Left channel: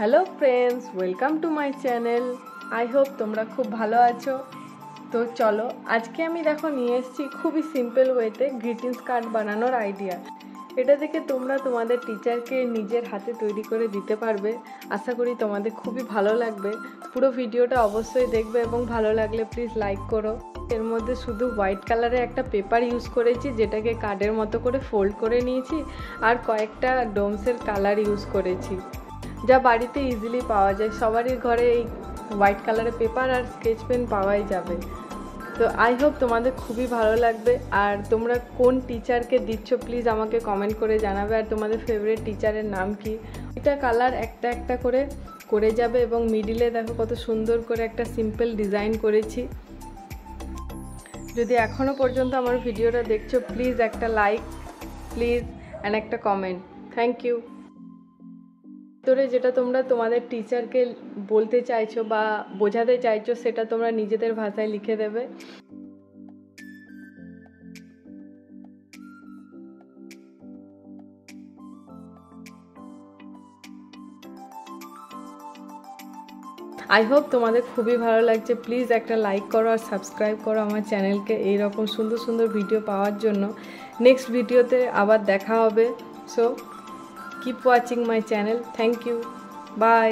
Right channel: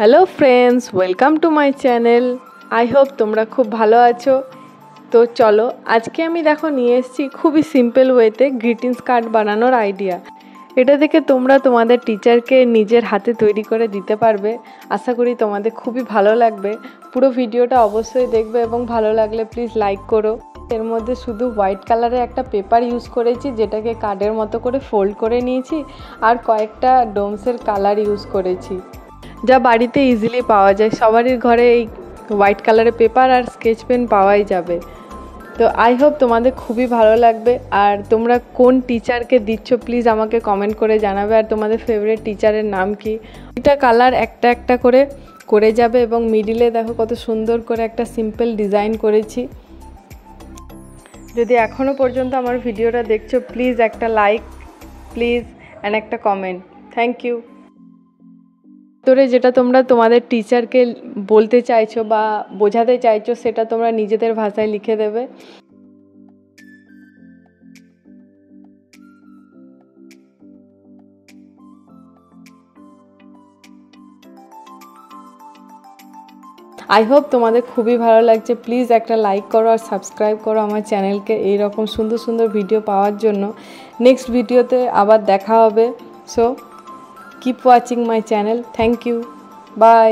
Hello friends, welcome to my channel. I hope তোমরা খুব ভালো আছো। তো চলো, আজকে আমি নিয়ে এসেছি খুবই সিম্পল ওয়েতে গ্রিটিংস কার্ড বানানোর আইডিয়া। এটা দেখে তোমরা তোমাদের টিচারকে নিজের হাতে তৈরি করে দিতে পারবে। আশা করি তোমাদের খুবই ভালো লাগবে। পুরো ভিডিওটা অবশ্যই দেখবে এবং ভালো লাগলে প্লিজ লাইক করো। এর মধ্যে শুধু হোয়াইট কালারের একটা পেপার ইউজ করেছি, যেটাকে কার্ডের মতো করে ফোল্ড করে নিয়েছি, আর কয়েকটা ডোমসের কালার ইউজ করেছি, যা বাড়িতে ইজিলি পাওয়া যায়। সবারই ঘরে এই হোয়াইট কালারের পেপার আর স্কেচ পেন পাওয়াই যাবে। তো আই হোপ তোমাদের খুবই ভালো লাগবে। আর তোমরা কোন টিচারকে দিচ্ছ প্লিজ আমাকে কমেন্ট করে জানাবে, আর তোমাদের ফেভারিট টিচারের নাম কি। এটা কালার একটা একটা করে করে যাবে এবং মিডিলে দেখো কত সুন্দর করে একটা সিম্পল ডিজাইন করেছি। যদি এখনও পর্যন্ত আমার ভিডিওটা দেখছো, প্লিজ একটা লাইক প্লিজ অ্যান্ড একটা কমেন্ট। Thank you. তোরে যেটা তোমরা তোমাদের টিচারকে বলতে চাইছো বা বোঝাতে চাইছো, সেটা তোমরা নিজেদের ভাষায় লিখে দেবে। আই হোপ তোমাদের খুবই ভালো লাগছে। প্লিজ একটা লাইক করো আর সাবস্ক্রাইব করো আমার চ্যানেলকে, এইরকম সুন্দর সুন্দর ভিডিও পাওয়ার জন্য। নেক্সট ভিডিওতে আবার দেখা হবে। So keep watching my channel. Thank you. By.